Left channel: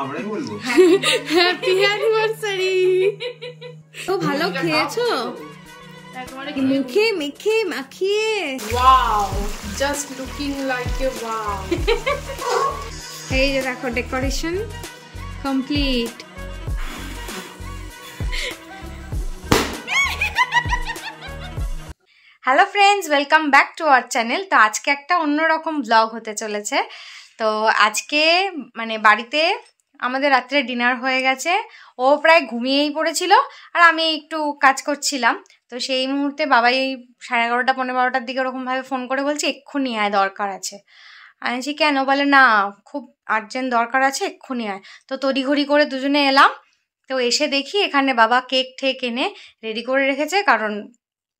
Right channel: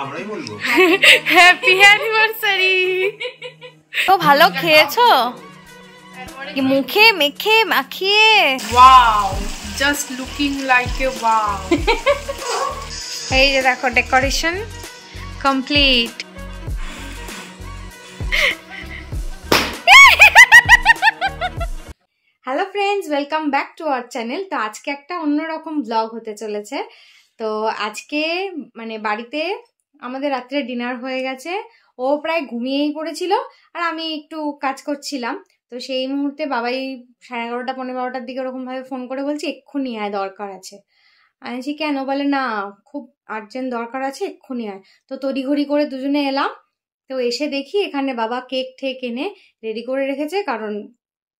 আমরাই বলবো happy anniversary. তো ভালো খেয়েছো কি মুখে মেখে মাখিয়ে? Wow, just looking like a wow. এই যে দেখো decoration complete. Hello friends, welcome back to our channel. তো আজকে একটা অন্যরকম ব্লগ হতে চলেছে। তো আজকে মানে বাড়িতে আমাদের রাত্রে ডিনার হয়ে গেছে, ও প্রায় ঘুমিয়েই পড়েছিল আর আমি একটু কাজ করছিলাম। তো সেই মুহূর্তে বাবাই 11:30 পৌনে 12টার দিকে ওরকমভাবে ফোন করে বলছে এক্ষুনি আয়, দরকার আছে। আমি বলছি কেন? বলে না খুব আর্জেন্ট দরকার আছে, এক্ষুনি আয়। তো তড়িঘড়ি করে দুজনে এলাম। তো এসে দেখি এখানে বাবা কেক ঠেক এনে রেডি করে রেখেছে, কারণ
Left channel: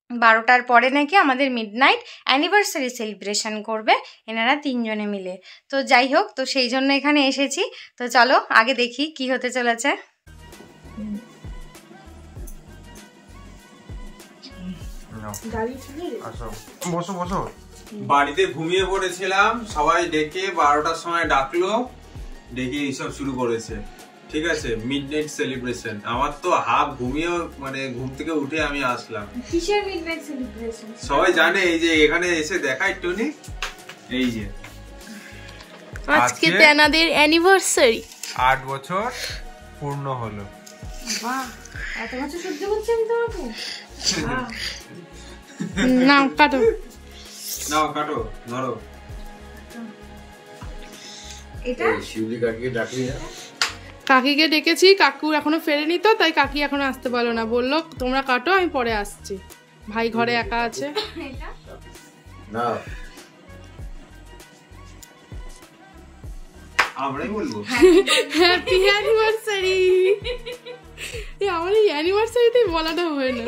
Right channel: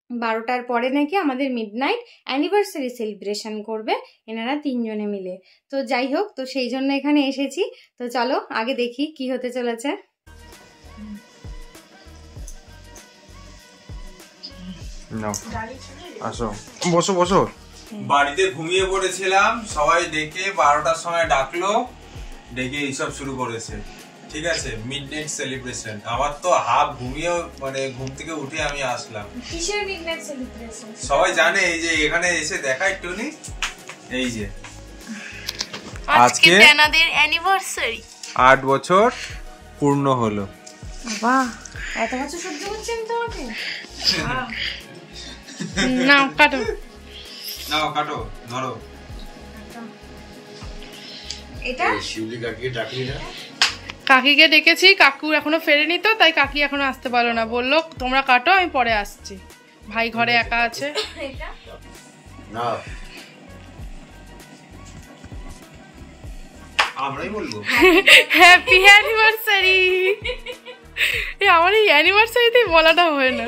12টার পরে নাকি আমাদের মিডনাইট অ্যানিভার্সারি সেলিব্রেশন করবে এনারা তিনজনে মিলে। তো যাই হোক, তো সেই জন্য এখানে এসেছি। তো চলো আগে দেখি কি হতে চলেছে। আসো, বসো বসো। বাড়িতে ঘুমিয়ে পড়েছিলাম, সবাই ডেকে 12টার সময় ডাকলো, ডেকে এইসব শুরু করেছে। ঠিক আছে, মিডনাইট সেলিব্রেশন। আমার তো হাফ ঘুমিয়ে মানে ঘুম থেকে উঠে আমি আসলাম। কিসের মিডনাইট সেলিব্রেশন? সবাই জানে, এই যে এখানে এসে দেখাই টনি, এই যে আজকে তেনাদের অ্যানিভার্সারি 8 বছর পূর্ণ হলো। বাহ, এত বছর সহ্য করছি আমি তোমাকে। নাও কাটো, নাও কাটো, ধরো। এটা শিউলি কাকিয়ে ডাকিয়ে না। কাকিকে ডেকেছি, কাকু এখনো ফেরেনি, তো তাই কাকি এখনো আসতে পারলো না, বললো তোমরা কাটো আমি পরে আসছি, ভাই ঘরে একা আছে। না আমরাই বলবো হ্যাপি অ্যানিভার্সারি। আমার এই অ্যানিভার্সারিতেই বলাটা হয় না।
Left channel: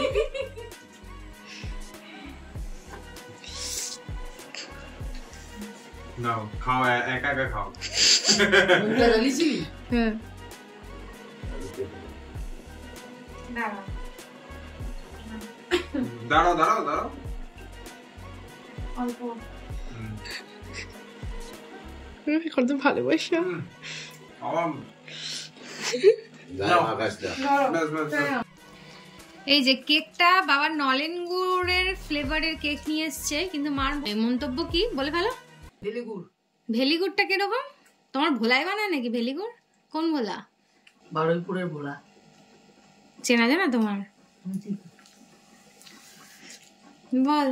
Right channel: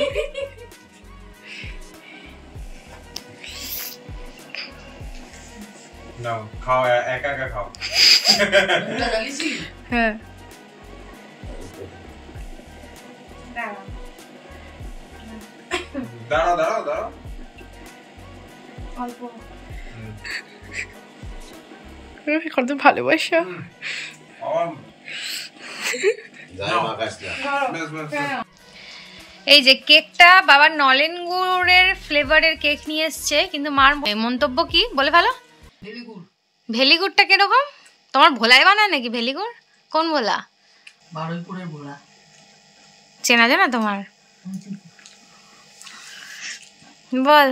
নাও খাও, একা একা খাও। হ্যাঁ, দাঁড়াও দাঁড়াও দাঁড়াও। কত ভালোবাসা। এই যে কেকটা বাবার নলেন গুড়ের ফ্লেভারের কেক নিয়ে এসছে, কিন্তু মার মন্তব্য কি বলে ভালো? ভেলিগুড়টা কিরকম? তোমার ভোলাই বানায় নাকি ভেলিগুড়? কোন ভোলা? বারুইপুরের ভোলা। চেনা জানা তোমার? বল।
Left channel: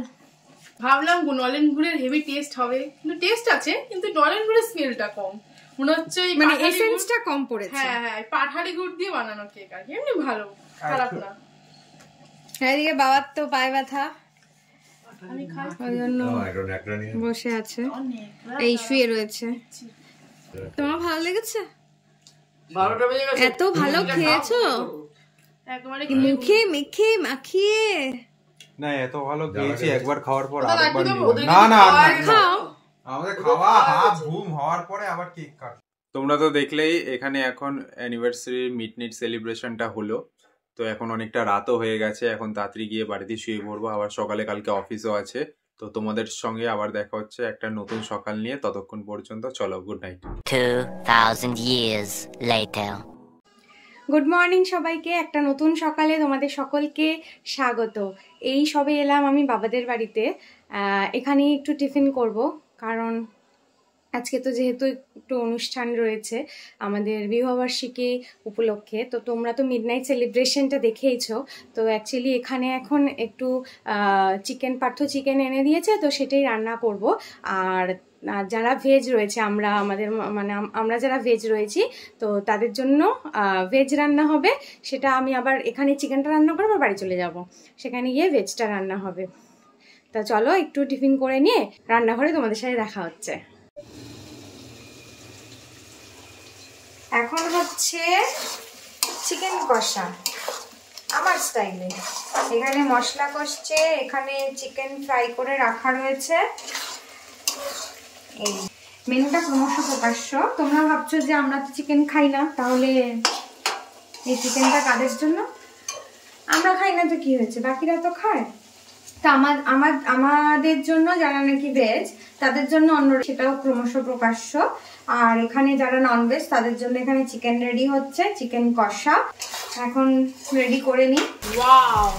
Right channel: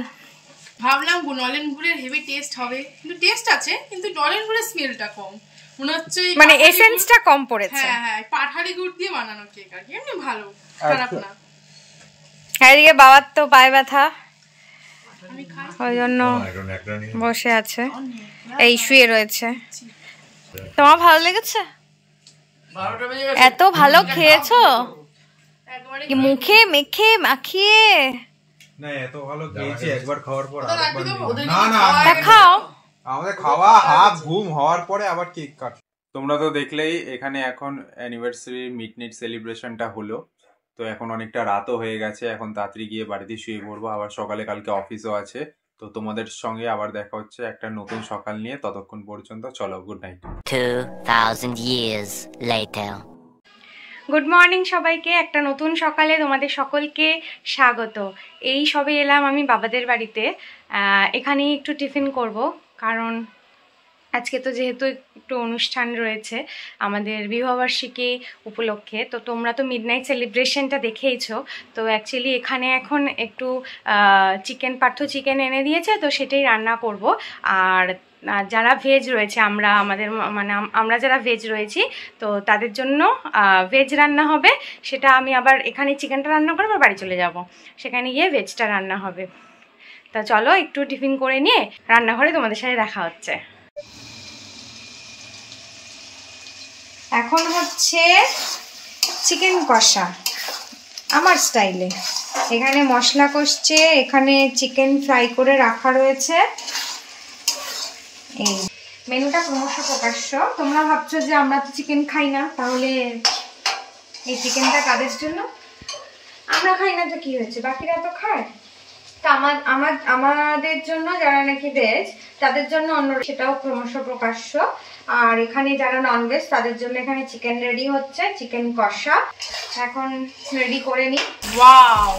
ভাবলাম নলেন গুড়ের হেভি টেস্ট হবে, কিন্তু টেস্ট আছে, কিন্তু নলেন গুড়ের স্মেলটা কম মনে হচ্ছে, মানে এসেন্সটা কম পড়েছে। হ্যাঁ হ্যাঁ, পাঠালি গুড় দিয়ে বানানো কেক আর কি, এমনি ভালো, খারাপ না। এদিকে বাবার তো পায়ে ব্যথা, আমি খাই ওই জন্য বসে আছে, এই শুয়ে রয়েছে। তোমার ভালো লেগেছে? এত ভালো খেয়েছো একবারে কি মুখে মেখে মাখিয়ে? না, এত ভালো খেয়েছি, একবার খাওয়ার পর আরেকবার নেব না। না খাও। আমাদের খাওয়া হাফ ঘুম হওয়ার পরে আবার কেক কাট। তোমরা তো দেখলেই এখানে এখন অ্যানিভার্সারি মিডনাইট সেলিব্রেশনটা হলো। তো এখন অনেকটা রাতও হয়ে গেছে, এখন তাড়াতাড়ি গিয়ে বাড়িতে শুয়ে পড়বো, আবার সকালে কালকে অফিসও আছে। তো তোমাদের সঙ্গে আবার দেখা হচ্ছে একটা নতুন সকাল নিয়ে। ততক্ষণ পর্যন্ত চলো, good night. 2000 years later. Good morning সবাইকে, একটা নতুন সকালে তোমাদের সকলকে স্বাগত। এই সবে এলাম আমি বাবাদের বাড়িতে, এখানেই একটু টিফিন করব, কারণ আজকে তো যেহেতু একটু অনুষ্ঠান রয়েছে আমাদের বিবাহবার্ষিকী উপলক্ষে। তো তোমরা তো মিডনাইট সেলিব্রেশনটা দেখেইছো। তো অ্যাকচুয়ালি এখানে এখন একটু পার্থ চিকেন এনে দিয়েছে, তো সেটাই রান্না করব। আর যারা ভেজ রয়েছে, আমরা যারা ভেজ রয়েছি, তো তাদের জন্য ভেজ রান্না হবে। সেটা আমি আবার এখানে চিকেনটা রান্না করে আবার বাড়ি চলে যাব, সেখানে গিয়ে ভেজটা রান্না হবে। তা চলো একটু টিফিন করে নিয়ে রান্নাঘরে তোমাদের সাথে দেখা হচ্ছে। এখন হচ্ছে চিকেন কষা আমার স্টাইলে। এখানে মশলা কষছে, এখানে চিকেন ফ্রাই করে রাখা রয়েছে। এই মেনুটা ক্রমশ প্রকাশ্য। তোমরা ভাবছো যে আমরা তো চিকেন খাই না, তাহলে এই চিকেনটা কাদের জন্য? আমরা খাই না তো কি হয়েছে, বাকিরা তো খায়। তা আমাদের জন্য যারা নাকি ভেজ, তাদের জন্য অন্য, সেটাও ক্রমশ প্রকাশ্য। আর এখানে যারা ননভেজ তাদের জন্য এখানে চিকেন রেডি হচ্ছে, চিকেন কষা এখন রেডি করে নিই। Wow,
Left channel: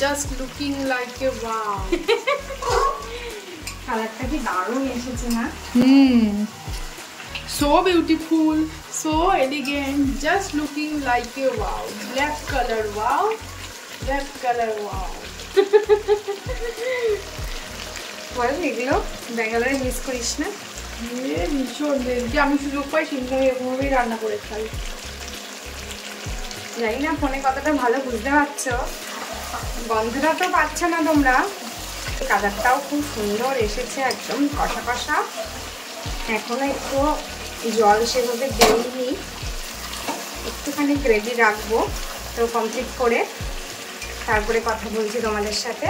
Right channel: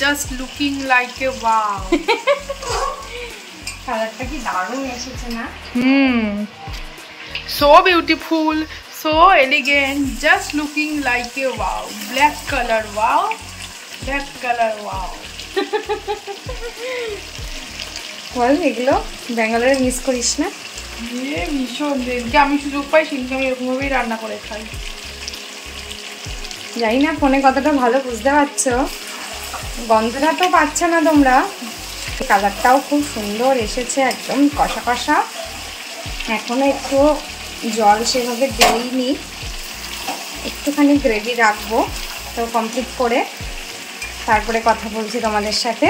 just looking like a wow. কালারটা কি দারুণ এসেছে না? So beautiful, so elegant, just looking like a wow. Black color, wow. Black color, wow. বল এগুলো ব্যাঙ্গালোরে মিস করিস না? ভীষণ, যেদিনকে আমি সুযোগ পাই সেদিনকে আমি এরকমভাবেই রান্না করে খাই। জানি না ফোনে কতটা ভালো বুঝতে পারছো, গন্ধটা তো পাচ্ছ না তোমরা। কালারটাও খুব সুন্দর এসেছে, একদম কষা কষা। এখনো একটু জল সেভাবে দিইনি, একটুখানি গ্রেভি রাখবো। তো কমপ্লিট করে তারপরে কথা বলছি তোমাদের সাথে।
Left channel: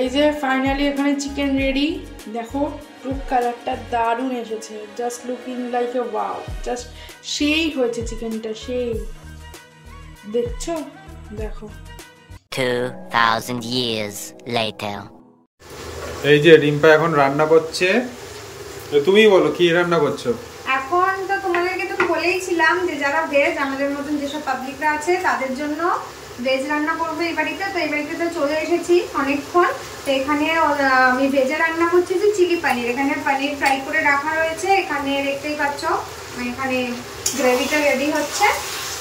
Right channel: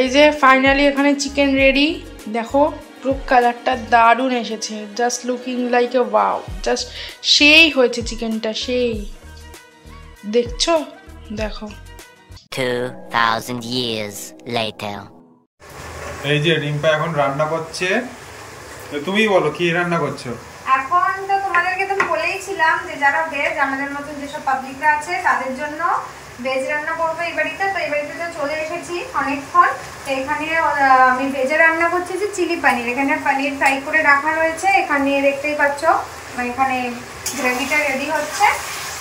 এই যে ফাইনালি এখানে চিকেন রেডি। দেখো পুরো কালারটা দারুণ এসেছে, just looking like a wow. Just সেই হয়েছে চিকেনটা, সেই। দেখছো? দেখো 2,000 years later. এই যে রিম্পা এখন রান্না করছে, তুমি বলো কি রান্না করছো? এখন তো তোমাদেরকে তো বলেইছিলাম যে যারা ভেজ, আমাদের মতন যেসব পাবলিকরা আছে তাদের জন্য ভেজ রান্না করবো এই বাড়িতে। তো এই বাড়িতে তো চলে এসেছি অনেকক্ষণ। তো এখানে আমি ভেজে রান্না করছি যে চিলি পানির। এখানে পানির ফ্রাই করে রাখা রয়েছে, এখানে দেখতেই পাচ্ছ, মানে এখানে গ্রেভিটা রেডি হচ্ছে।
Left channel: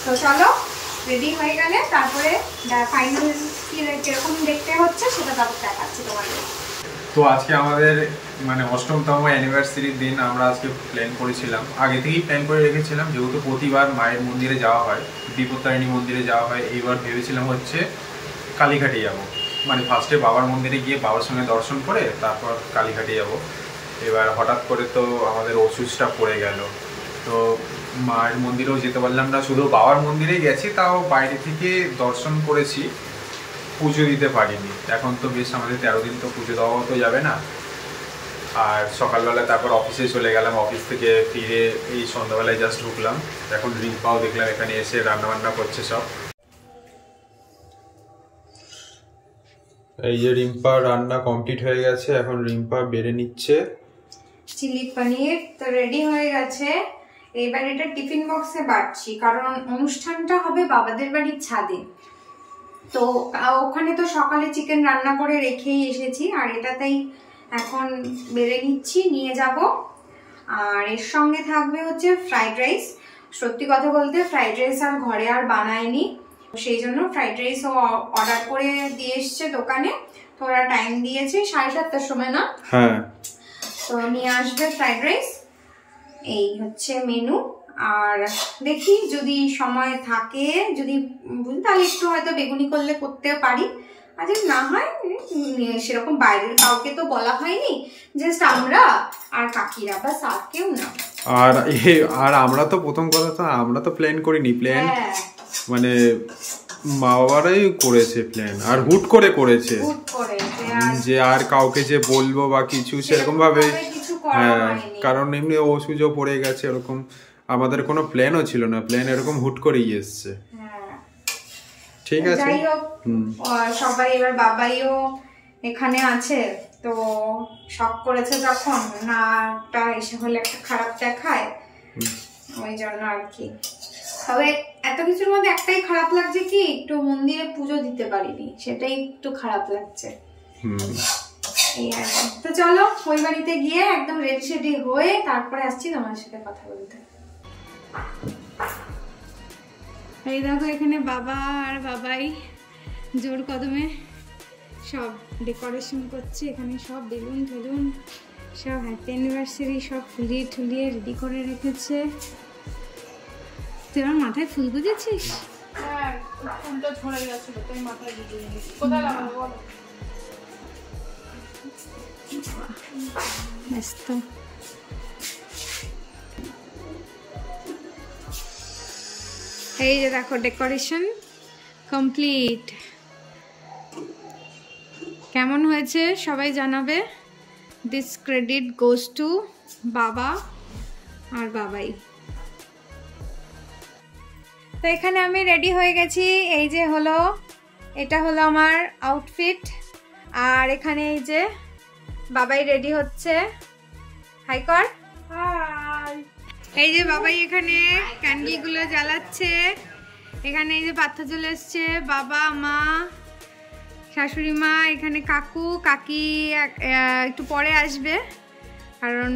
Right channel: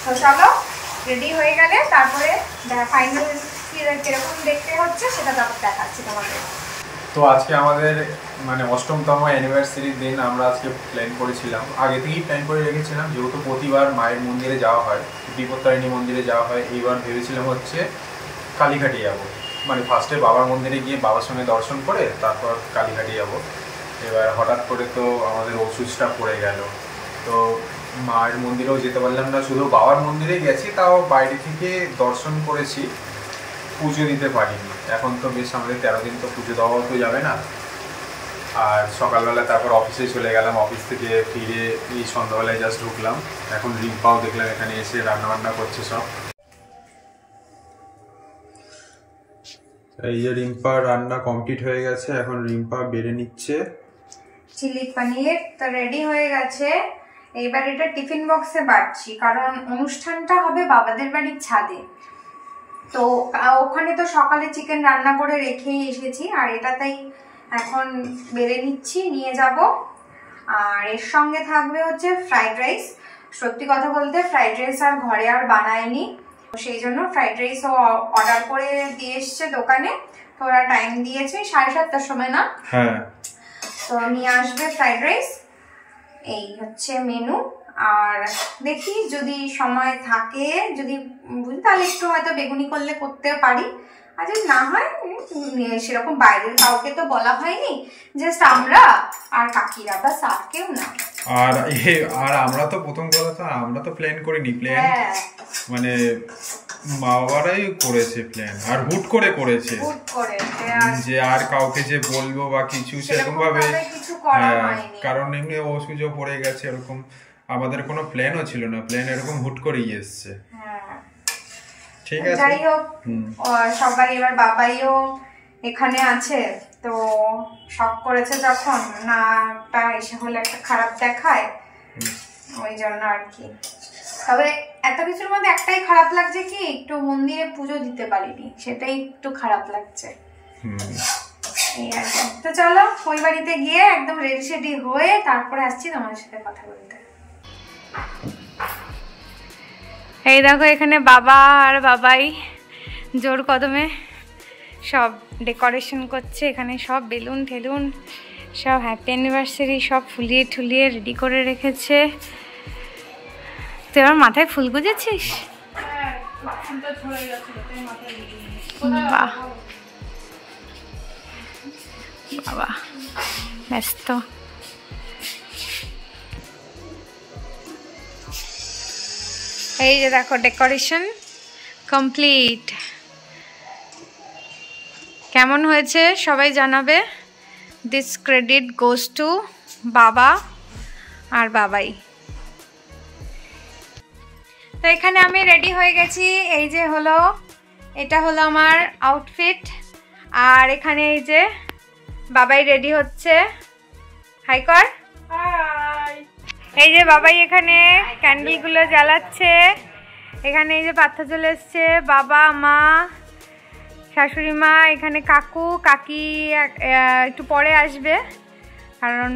তো চলো রেডি হয়ে গেলে তারপরে ফাইনাল কিরকম দেখতে হচ্ছে সেটা তারপর দেখাচ্ছি তোমাদের। তো আজকে আমাদের মানে ৮ম অ্যানিভার্সারির দিন। আমরা আজকে প্ল্যান করেছিলাম, আগে থেকেই প্ল্যান করে রেখেছিলাম, যেহেতু প্রতিবার মায়ের মন্দিরে যাওয়া হয়, বিপত্তারিণী মন্দিরে যাওয়া হয়। এইবার ভেবেছিলাম হচ্ছে কালীঘাটে যাব, মানে ফার্স্টে বাবার মন্দিরে গিয়ে বাবার সঙ্গে দর্শন করে তারপর কালীঘাটে যাব। এবার হঠাৎ করে তো আমাদের অসুচটা পড়ে গেল, তো মায়ের মন্দিরেও যেতে পারলাম না, শুধু বাবার মন্দিরে গেছি, তাও বাইরে থেকে দর্শন করেছি, পুজো দিতে পারিনি। এখন তো বেশ আমাদের 13 দিন তো পুজো দেওয়াও তো যাবে না। আর সকালবেলা তারপর অফিসে চলে গেলাম, অফিস থেকে ফিরে এই সন্ধ্যাবেলায় জাস্ট ঢুকলাম। এখন রিম্পাও দেখলাম এখানে এসে রান্নাবান্না করছে সব। এই যে রিম্পা রান্না কমপ্লিট হয়ে গেছে, এখন রিম্পা বেড়ে নিচ্ছে চিলি পনির। তো রেডি হয়ে গেছে, এইবার এটা টিফিন বক্সে বাড়ছি, কারণ অনুষ্ঠানটা হবে বাবাদের বাড়ির ছাদে। তো ওখানে তো সকালে চিকেন রান্না করে রেখেই এসেছি, আর এটাতেই এখন বেড়ে নিচ্ছি, নিয়ে যাব। আর এর সঙ্গে থাকবে হচ্ছে ফ্রাইড রাইস। সত্যি কথা বলতে ফ্রাইড রাইস আর ঘরে আর বানাইনি, সেই জন্য ফ্রাইড রাইসও অর্ডার করে দিয়ে এসছে দোকানে। তো ওরা টাইম দিয়েছে 7:30টার সময় না? হ্যাঁ। তো নিয়ে আসবে ফ্রাইড রাইস, এই হচ্ছে মেনু। আর দেখি যদি সময় থাকে, যদি বুঝি তাহলে একটু হয়তো বেগুনি করলে করতে পারি, আর যদি না হয় সেরকম বাইরের কাউকে তো বলা হয়নি, জাস্ট আমরা আর কাকিরা, বাস আর কেউ না। আর আমরা তো প্রথম কথা তো আমরা তো প্ল্যান করিনি, প্ল্যান মানে মা বাবারাই করেছে প্ল্যান, আর হুট করে করেছে যে আর কাউকে যে বলবো বা কিছু সেরকম ভাবে। হ্যাঁ, কারণ এমনি অসুযোগ পড়ে গেছে, এরকম আমাদের কোনো প্ল্যানও ছিল না, প্ল্যান এরকম হুট করেই এসছে। ঠিক আছে, যাই হোক সবাই, এবার বাবাইও এখানে আছে, তো শখ করেছে যখন, নাটা এসে হলে একটা খারাপ দেখায়, ওই জন্য আর কি। তবে এত কিছুর মধ্যে একটাই খারাপ লাগছে কি, একটু মন্দিরে পুজো দিতে পারিনি, সেটাই একটু খারাপ লাগছে। তো চলো ওই বাড়িতে গিয়ে একদম রেডি সেডি হয়ে তারপরে আসছি তোমাদের সাথে কথা বলতে। এই দেখো এখানে বাবা আর বাবাই জোর কদমে সব ডেকোরেশন করছে, এখানে সব বেলুন ঠেলুন সব হ্যাপি অ্যানিভার্সারি সব ফুলিয়ে ঠুলিয়ে রেডি করে রেখেছে। তুই আমার মাথায় ফুল গুজেছিস? বাবা ব্যস্ত। এই যে দেখো ডেকোরেশন কমপ্লিট। কেমন হয়েছে সবাই জানাবে। দিস ক্রেডিট গোজ টু বাবা আর বাবাই। তো এখানে আমি রেডি হয়ে গেছি, এই যে হলো, এটা হলো আমার আউটফিট। আর এখানে এই যে বাবাই রেডি হচ্ছে, হাই কর। এই যে বাবাই এখানে ক্যান্ডেলগুলো জ্বালাচ্ছে। এখানে এই যে পার্থ চলে এসছে, বাবা, মা, শাশুড়ি মা, এখানে কাকু, কাকি একটু পরে আসবে কারণ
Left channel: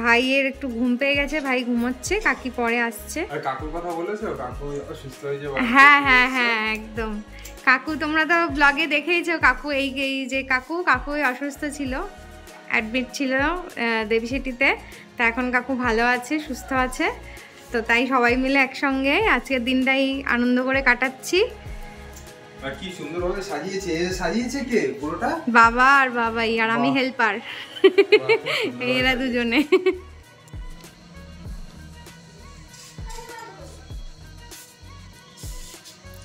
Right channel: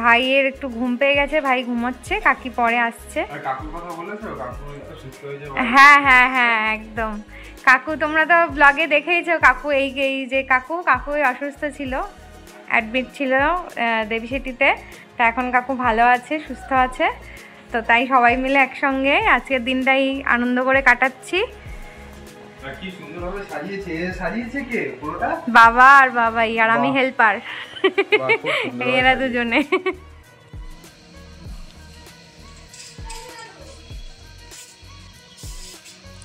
ভাইয়ের একটু ঘুম পেয়ে গেছে, ভাই ঘুমোচ্ছে, কাকি পরে আসছে। আর কাকুর কথা বলেছো? কাকু সুস্থ হয়ে যাবে। হ্যাঁ হ্যাঁ হ্যাঁ একদম। কাকু তোমরা তো ব্লগে দেখেইছো, কাকু এই যে কাকু অসুস্থ ছিল, অ্যাডমিট ছিল দেবীশেটিতে। তা এখন কাকু ভালো আছে, সুস্থ আছে। তো তাই সবাই মিলে একসঙ্গে আজকের দিনটাই আনন্দ করে কাটাচ্ছি। আর কি সুন্দরভাবে সাজিয়েছে। সাজিয়েছে কে পুরোটা? বাবা আর বাবাই, আর আমি হেল্পার। এরা দুজনে।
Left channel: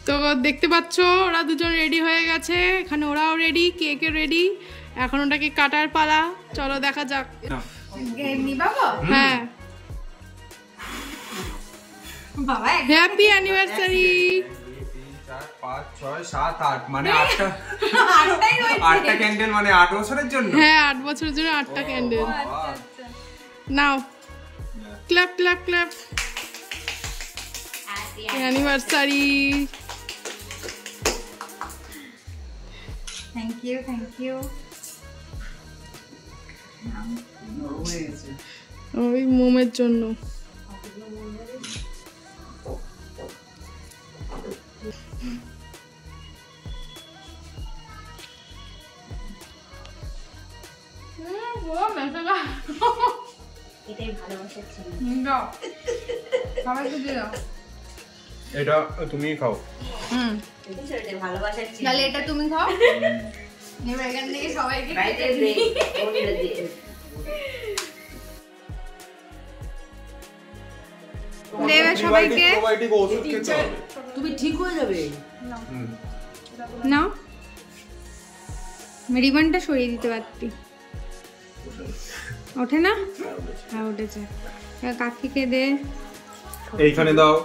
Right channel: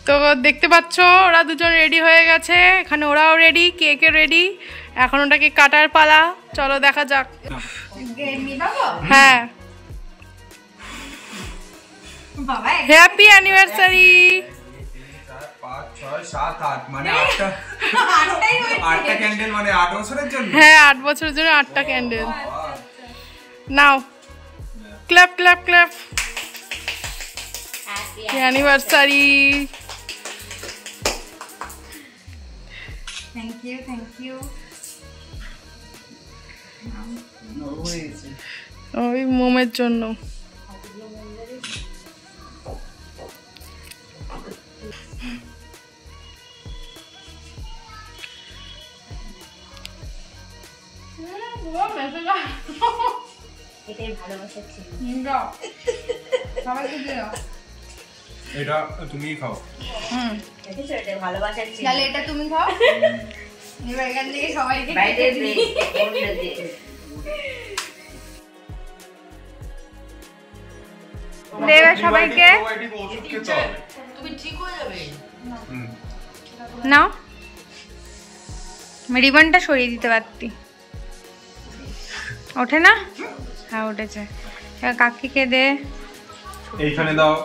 তো দেখতে পাচ্ছ ওরা দুজন রেডি হয়ে গেছে, এখানে ওরাও রেডি, কেকে রেডি। এখন ওটাকে কাটার পালা, চলো দেখা যাক। হ্যাঁ, হ্যাপি অ্যানিভার্সারি। 5, 6, 7, 8 মানে 8টা ক্যান্ডেল, মানে 8 বছরের জন্য। হ্যাঁ, 8 বছরের জন্য 8টা candle. Now clap clap clap. Anniversary. Thank you thank you. ওই মোমের জন্য। এটা তুমি খাও। তাহলে এটা তুমি খাও। এবার এখান থেকে সবাইকে দেবে সবাইকে। তুমি ঠিক হয়ে যাবে। নাও, রিবনটা সরিয়ে দিতে পারতি। ওঠে না? হ্যাঁ উঠেছে। কাকিকে দে। এইখানে দাও।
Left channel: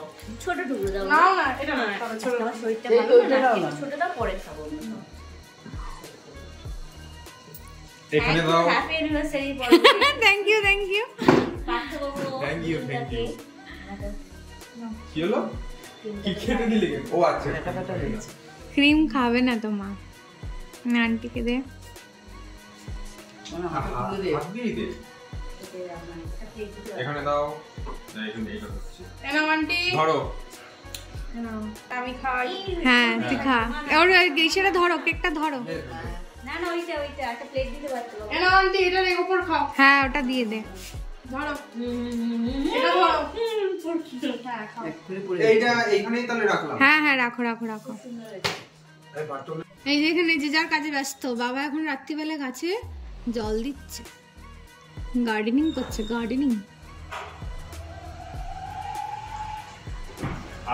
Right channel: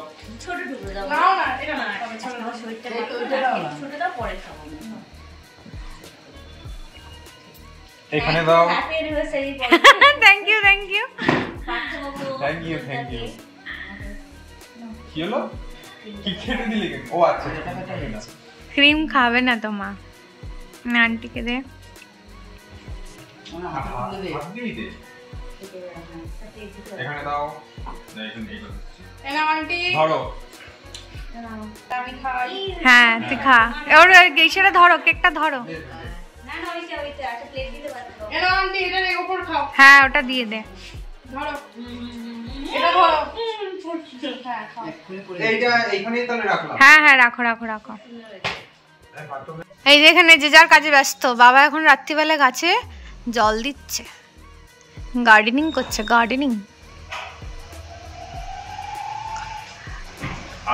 ছোট টুকু দাও। নাও না, এটা না, ছোট ছোটটা ছোটটা পরে খাবো। এখানে দাও। Happy anniversary. Thank you thank you thank you thank you. কি হলো? কি খেতে দিলে কেন? ও আচ্ছা, ক্রিম খাবে না তো মা। না, আন্টিকে দে। হাত দিয়ে দে। এখানে দাও। না, এখানে এটা হচ্ছে। এনাও আন্টি। ধরো। আমি খাই। হ্যাঁ তুই খা। ওর সেটা ধরো, কেকটা ধরো। না না, ওইটা একটা প্লেট দিতে পারতো। এনাও আন্টি, এটার উপর খাও। হ্যাঁ ওটা দিয়ে দে। ধরো, এটা ধরো। হ্যাঁ খাও। এইটা এইখানেই তাহলে রাখলাম। হ্যাঁ হ্যাঁ রাখো রাখো রাখো। এই যে এখানে যে যার কাজে ব্যস্ত। বাবা এখন রাত্রিবেলা গাছে জল দিচ্ছে, গার্ডেনিং করছে, গার্ডেনিং।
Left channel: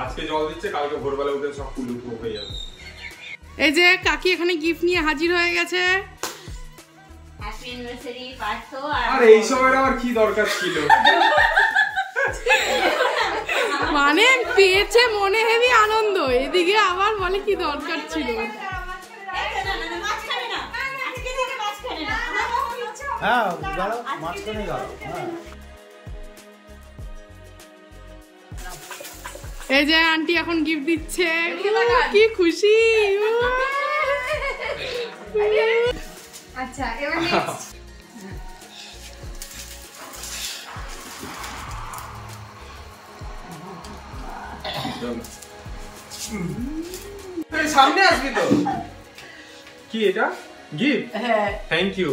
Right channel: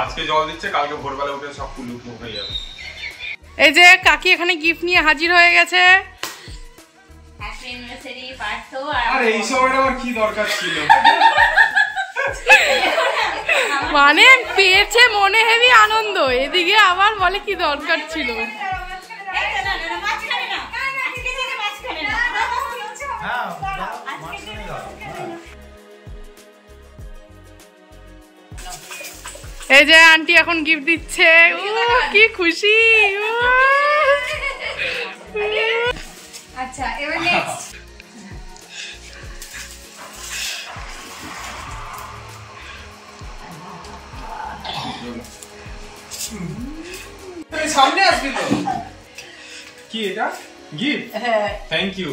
আজকে জল দিচ্ছে, কালকে ভোরবেলা উঠে সব ফুল উঠে যাবে। এই যে কাকি এখানে গিফট নিয়ে হাজির হয়ে গেছে। Happy anniversary Partha. আর এই সময়টা আমার কি দরকার ছিল? মানে পেয়েছে মনে হেভি আনন্দ, এদিকে আবার বলে কি দরকার ছিল। এই যে আন্টি এখন গিফট দিচ্ছে, কি খুশি। আচ্ছা এবার নেক্সট। সামনে আসবি তো। কি এটা? গিফট? হ্যাঁ, থ্যাংক ইউ।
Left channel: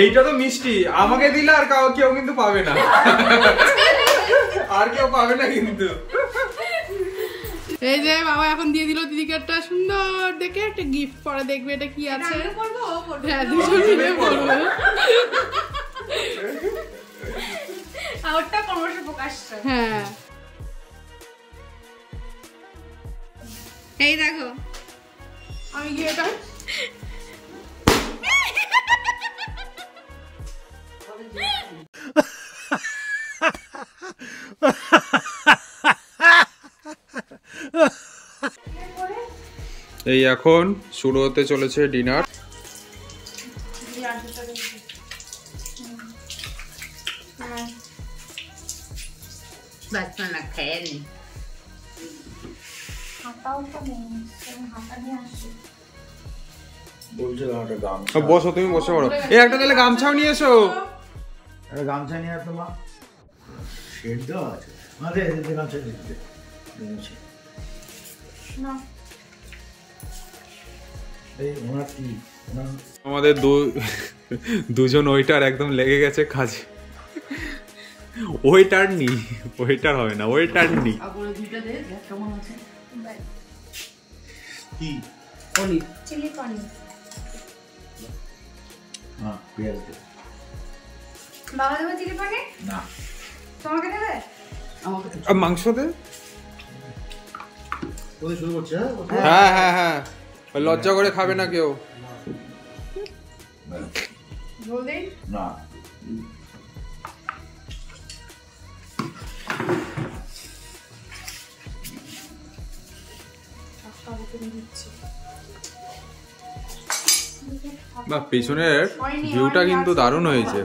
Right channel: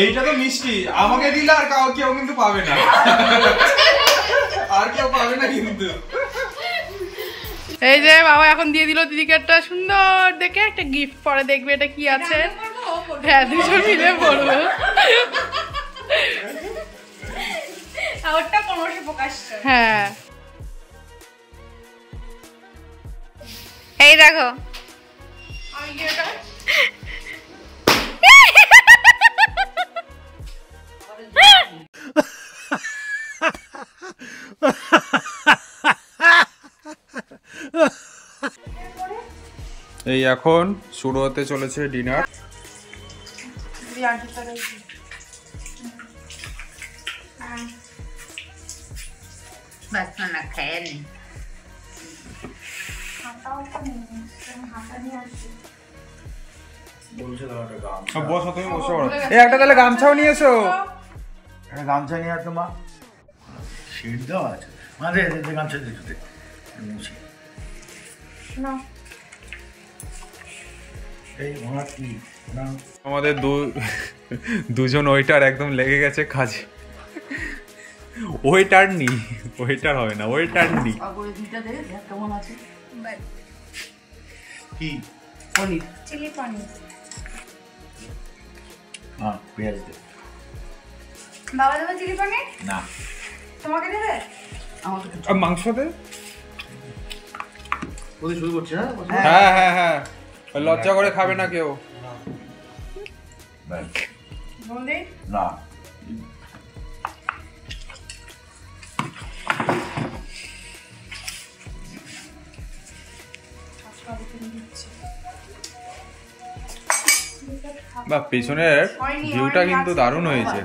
এইটা তো মিষ্টি, আমাকে দিলে আর কেউ কিন্তু পাবে না। আর কেউ পাবে না কিন্তু। এই যে বাবা এখন দিয়ে দিল দিদিকে একটা সুন্দর দেখে একটা গিফট, পরে দেখবে এটা কি আছে। হ্যাঁ, দুজন মিলে পড়বো। ওটা ক্রমশ প্রকাশ করে। হ্যাঁ, এই দেখো। আমি কি এটা? এই এখন শুরু হতে চলেছে ডিনার। বাচ্চা না খেয়ে নি বসো, তুমি বসে পড়ো। এই একটা তাহলে গামছাও নিয়ে এসো। একটা গামছা নিয়ে আসো মা। শেড দেওয়া আছে মানে গামছা দিতে মুছে এই ওনার কি আমাদের দুজন ওয়েটার একদম লেগে গেছে কাজে। ওয়েটার নি, ওয়েটার হবে না, ওয়েটার নি। কি পনির চিলি পনির হ্যাঁ পেঁয়াজ দে বাবা দেবে চিলি পনির? না তোমাকে দেবে? আর মাংস দে। ওদের শুরু করছে হ্যাঁ হ্যাঁ হ্যাঁ, লজ্জা করে খাবে না কেউ। না বা পেছনের ভিউটা কিন্তু দারুণ হয়েছে।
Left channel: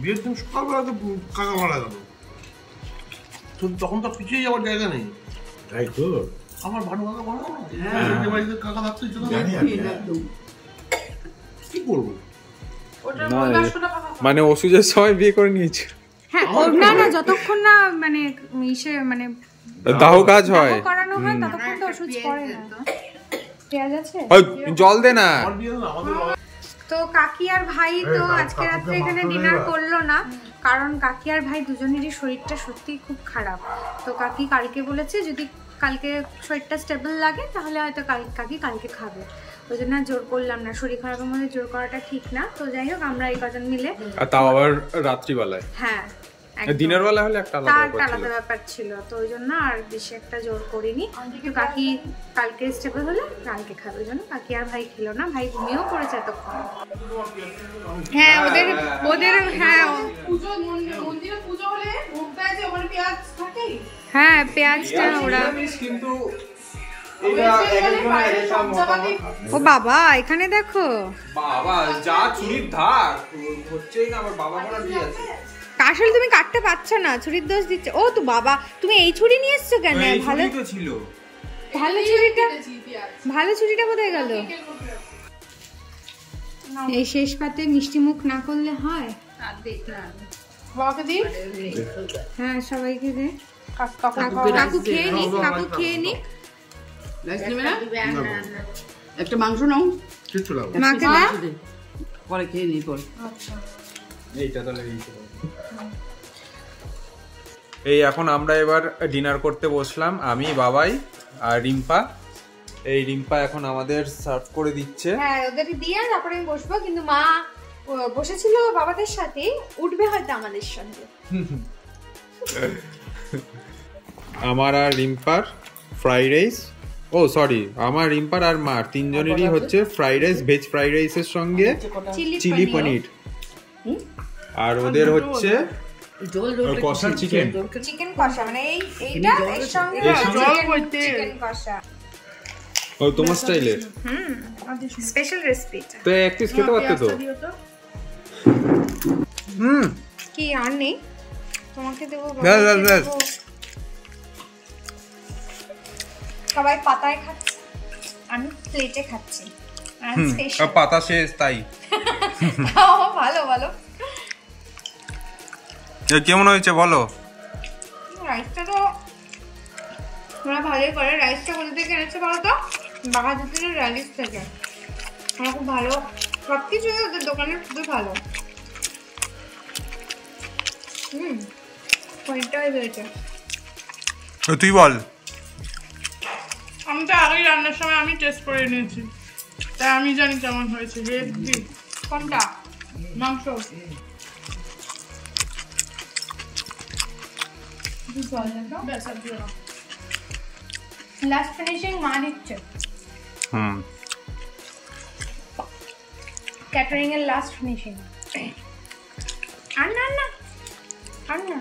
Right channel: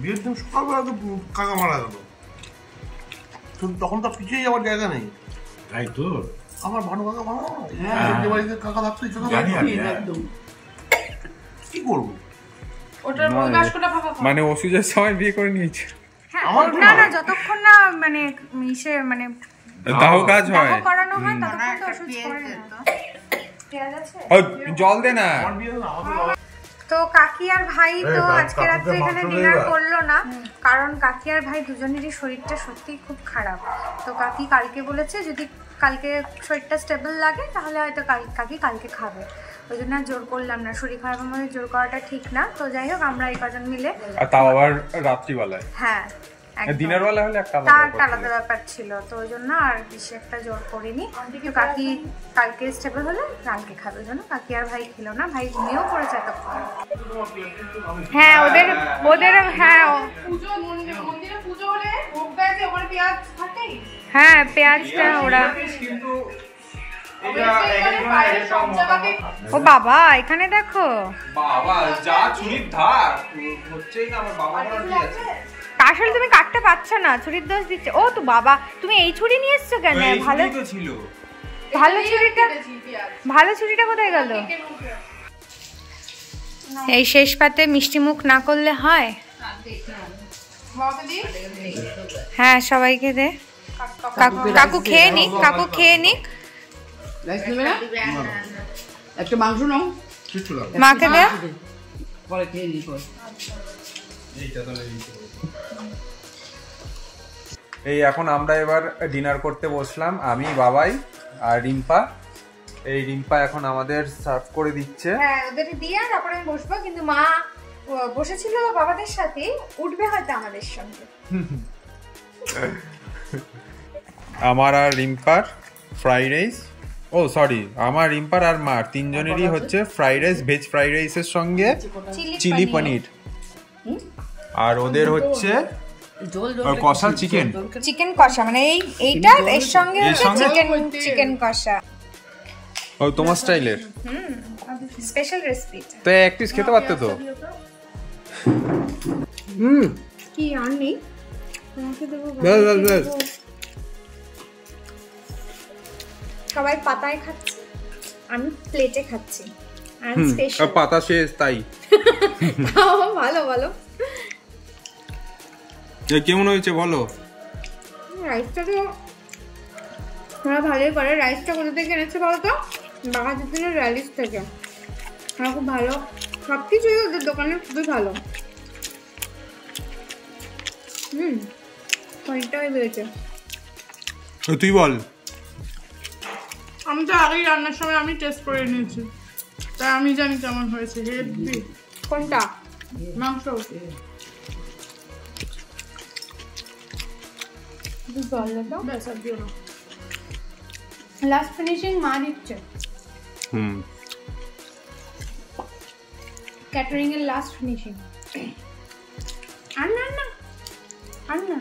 বিয়ের দিন সকালবেলা তো কাকা মারা গেল, তখন তো পিছিয়ে যাওয়ার জায়গা নেই। তাই তো আমার ভানু কাকা মারা গেল, যে বাড়িতে কাকা থাকতো কি করবো? মানে ওষুধের সময় বিয়ে করে নিয়েছে। না না, যতক্ষণ না মানে ইসে মানে দাহ কাজ হয়, দাহ করানো হয় ততক্ষণ তো ওষুধ পড়ে না। পেঁয়াজ আছে? ওই জল দে না। তো কাকি আর ভাই তো আজকে রাত্রে এখানে ডিনার করলো না, কারণ কাকি আর ভাই দুজনেরই শরীরটা সত্যিই খুব খারাপ। তো কাকি কালকে বলেছে যদি কালকে শরীরটা স্টেবল লাগে তাহলে হয়তো কাকি কালকে খাবে। ওই জন্য জোর করলাম না, শরীর খারাপের মধ্যে জোর করাটা ঠিক না। তো যাই হোক, আমরা এই কজন মিলে, আর তাও আবার রাত্রিবেলায়, হ্যাঁ দিনের বেলা হলে একটা আলাদা ব্যাপার ছিল। তো ওই জন্য আর বেশি একটা জোর করিনি। তো কাকি কালকে স্টেবল হলে কালকে খাবে, ওই জন্য কাকি আর ভাই খেলো না। ভাই ঘুমিয়েও পড়েছে এতক্ষণ। হ্যাঁ ওদের হ্যাঁ হ্যাঁ পেঁয়াজটা ওরা। ও বাবা, এখানে দেখো বাবা যা ছুরির ধার হচ্ছেই না, আমার বাবা মারা দিয়ে আছে। আসলে তুমি কাটতে পারছো না, ছুরির দোষ দিচ্ছে। ও তো বাবা, তুমি এই ছুরি নিয়ে এসছো কেন? ভালো তো ছিল, ভালো ছুরিটা কোথায় গেল? এই শেষ পাতে মিষ্টি মুখ না করলে হয়? হ্যাঁ সবাইকে দে। কাকু খেয়ে নিক, কাকু খেয়ে নিক। একটা মাংস নাও, মাকে দে। পরে খেয়ে নি। এই এখন আমরা এবার ডিনার করতে বসলাম, আমি, বাবাই আর রিম্পা। এই রিম্পা এখন আমাদের সার্ভ করে দিচ্ছে। হ্যাঁ ওদের দিয়ে তারপরে আমি বসবো, কিন্তু মা বসেছিল বাবাদের সাথে, উঠবে হয়তো আমাদের সঙ্গে। আমার আর রিম্পার ফ্রাইড রাইস, ও সরি আমার রিম্পার আর মার তিনজনেরই হচ্ছে ফ্রাইড রাইস, ভেজ ফ্রাইড রাইসের সঙ্গে চিলি পনির। আর ওদের হচ্ছে কষা চিকেন কষা, মানে এইটা এর সঙ্গে চিকেন কষা। ও তোমার স্টাইলের স্পেশাল রেসিপি। তো এক পিস খেতে পারতে তো। কি আর নেই, তোমাকে দেবো। সবাই পাতায় খাচ্ছে, আমি প্লেটে খাচ্ছি। পাতা শেষ তাই। ভালো ভালো। কেমন হয়েছে বলো? রাইসটা তো ওরা ভালোই করে। রাইসটা কোথা থেকে এনেছে বলো তো? বাঘাযতীনের র্যালিস থেকে। ওরা খুব ভালো, সব কিছুই ওদের দোকানের খুবই ভালো। ওইটাই হয়েছে। তুই বল। আমি তো আগেই রান্নার সময় আমি টেস্ট করে নিয়েছি, তাই আমি জানি কেমন হয়েছে। হেভি। কোনটা? মাংস। ব্যাস আর দিও না। লাস্ট ফিনিশিং মা দিচ্ছে। ক্যাটারিং এর লাস্ট ফিনিশিং। আর না না আর না।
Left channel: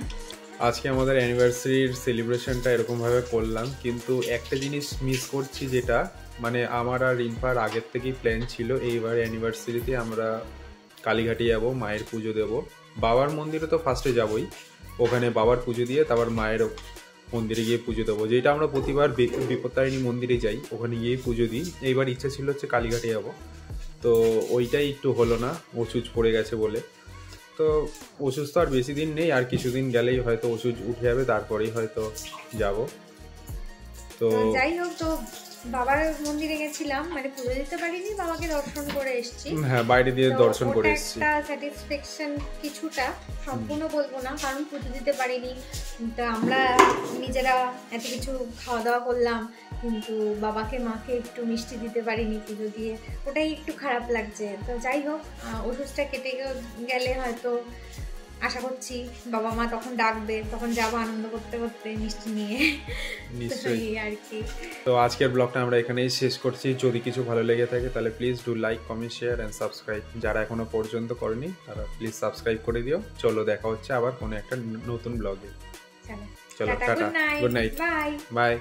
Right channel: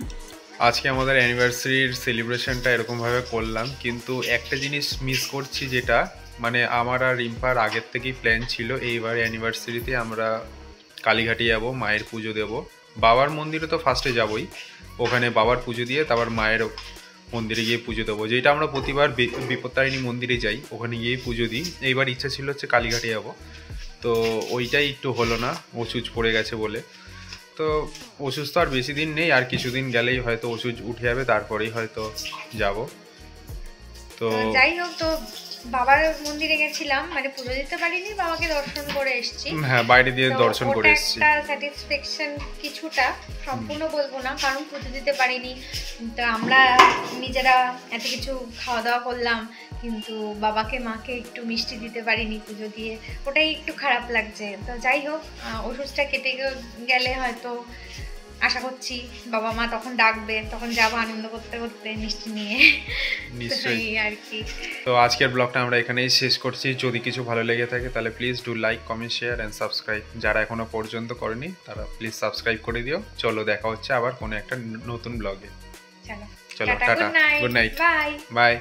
আজকে আমাদের অ্যানিভার্সারির সেলিব্রেশনটা এরকমভাবে করলাম, কিন্তু একটা জিনিস মিস করছি, যেটা মানে আমার আর রিম্পার আগের থেকেই প্ল্যান ছিল এইবার অ্যানিভার্সারিতে আমরা কালীঘাটে যাব, মায়ের পুজো দেব। বাবার মন্দিরে তো ফার্স্টে যাবই, ওখানে বাবার পুজো দিয়ে তারপর মায়ের মন্দিরে গিয়ে পুজো দেবো, যেটা আমরা প্রতিবার বিপত্তারিণী মন্দিরে যাই, ওখানে গিয়েই পুজো দিই। এইবার ইচ্ছা ছিল হচ্ছে কালীঘাটে যাব, তো ওইটাই একটু হলো না, ওষুধ পড়ে গেছে বলে। তো ওষুধ তো আর বেশি দিন নেই, আর কিছুদিন গেলেই হয়তো ওষুধ উঠে যাবে, তারপরেই হয়তো যাব। তো যাই হোক, তো বাবার মন্দিরে গেছিলাম, মানে পুজো দিতে পারিনি, বাবাকে দর্শন করে এসেছি। হ্যাঁ, বাইরে দিয়ে দর্শন করে এসেছি। একটা স্যাটিসফ্যাকশন কিছুটা, সম্পূর্ণ বলবো না কারণ পুজো দিতে পারিনি। তো আমরা নিজেরা এত কিছু খাওয়া দাওয়া করলাম, কিন্তু বাবাকে মাকে একটু মিষ্টি দিতে পারিনি পুজো দিয়ে, ওটাই একটু খারাপ লাগছে। তো যাই হোক, ওষুধটা কেটে গেলে হয়তো আশা করছি বাবা মা তখন ডাকবে, তখন যাবো আনন্দ করতে করতে মিষ্টি নিয়ে। নিশ্চয়ই আর কি। তো আজকের ব্লগটা আমরা এখানেই শেষ করছি। যদি কিছু ভালো লেগে থাকে তাহলে please do like, comment, share and subscribe. যারা এখনো পর্যন্ত করেনি তারা প্লিজ সাবস্ক্রাইব করে দিও। চলো, দেখা হচ্ছে আবার কোনো একটা নতুন ব্লগে। চলো tata, good night, bye bye.